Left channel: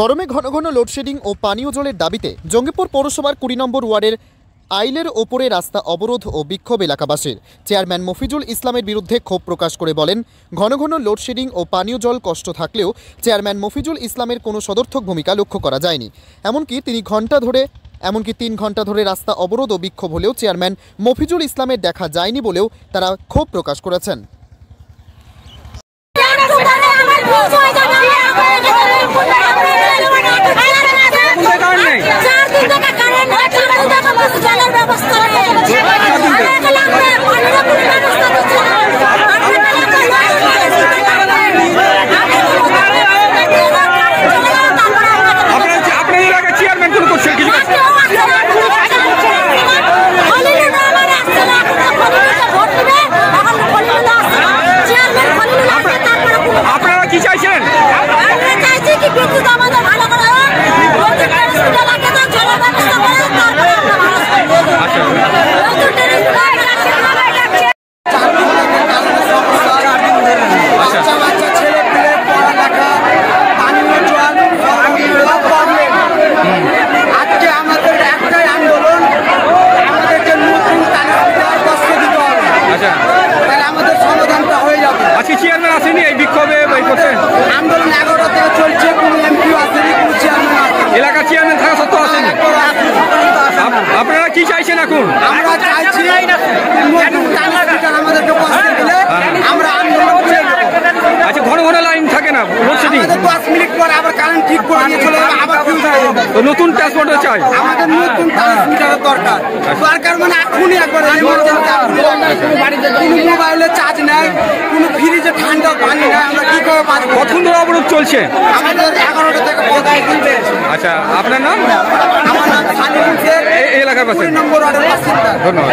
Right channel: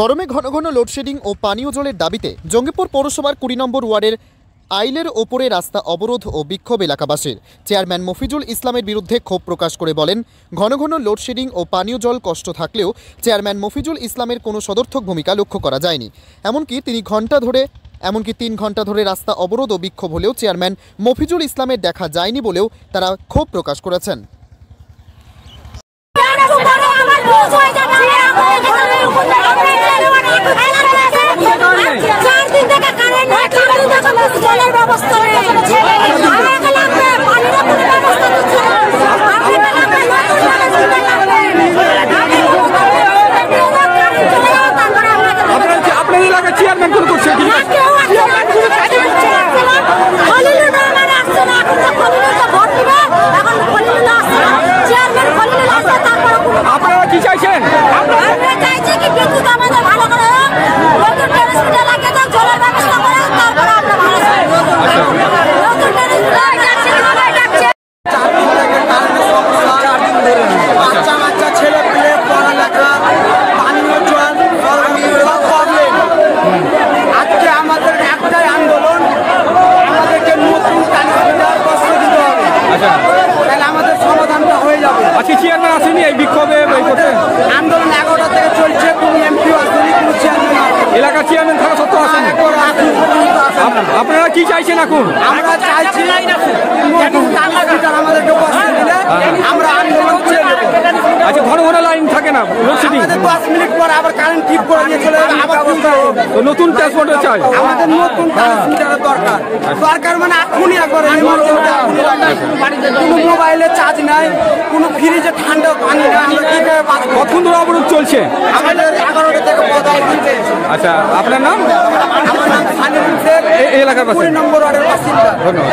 গরমে ঘন ঘন লোডশেডিং ও পানীয় জলের দাবিতে জঙ্গিপুর পৌরসভার ২০ নম্বর ওয়ার্ডের আইলের ওপরে রাস্তা অবরোধ ও বিক্ষোভ এলাকাবাসীর। চেয়ারম্যান মফিজুল ইসলামের বিরুদ্ধে ক্ষোভ প্রকাশ করে বলেন, ঘন ঘন লোডশেডিং ও পানীয় জল কষ্ট থাকলেও চেয়ারম্যান মফিজুল ইসলামের কোনো সদর্থক ভূমিকা লক্ষ্য করা যায়নি। এমনকি ৩ ঘন্টা ধরে রাস্তা অবরোধ ও বিক্ষোভ হলেও চেয়ারম্যান মফিজুল ইসলামের দেখা যায়নি বলেও তারা ক্ষোভ প্রকাশ করেছেন। আপনারা কি চাইছেন? বাচ্চা ছেলে পেলে পড়ালেখা, পানীয় জল, প্রবলেম। আজকে আমাদের একটাই আন্দোলন, আমাদেরকে নতুন ট্রান্সমিটার বসিয়ে দিতে হবে। আচ্ছা, তাহলে আমাদের সমাধানটা হয়ে যাবে। আজকে চেয়ারম্যান আসেনি এই বিক্ষোভে করতে? আন্দোলন 11টা থেকে চলছে, কোনো এমপিও আসেনি, কোনো চেয়ারম্যান আসেনি। এলাকার চেয়ারম্যান থাকা সত্ত্বেও আসেনি। আপনারা কি চাইছেন এখন? আমরা চাইছি নতুন ট্রান্সমিটার আমাদেরকে বসিয়ে দিলে আমরা আন্দোলন করে দেবো। আচ্ছা, ঘন ঘন লাইন থাকে না, লোডশেডিং? 10 মিনিট পর আবার কারেন্ট ঠিক করে দিয়ে চলে যাবে, আবার ফিউজ হয়ে যাবে। তো নতুন ট্রান্সপোর্টার চাই আমাদের, নতুন ট্রান্সমিটারের দরকার। দরকার মানে এখনই একবার এমার্জেন্সি এখনই লাগে। কোনো মোবাইলে চার্জ নাই, কোনো ফ্রিজে ঠান্ডা পানি নাই, আমরা কি করে বাঁচবো? কতক্ষণ ধরে অবরোধ চলছে? আমাদের 11টা থেকে 15 আচ্ছা, আপনার নাম? আমার নাম সানিম শেখ, এই এলাকার পাশে ২০ নম্বর ওয়ার্ডের বাসিন্দা। ধন্যবাদ।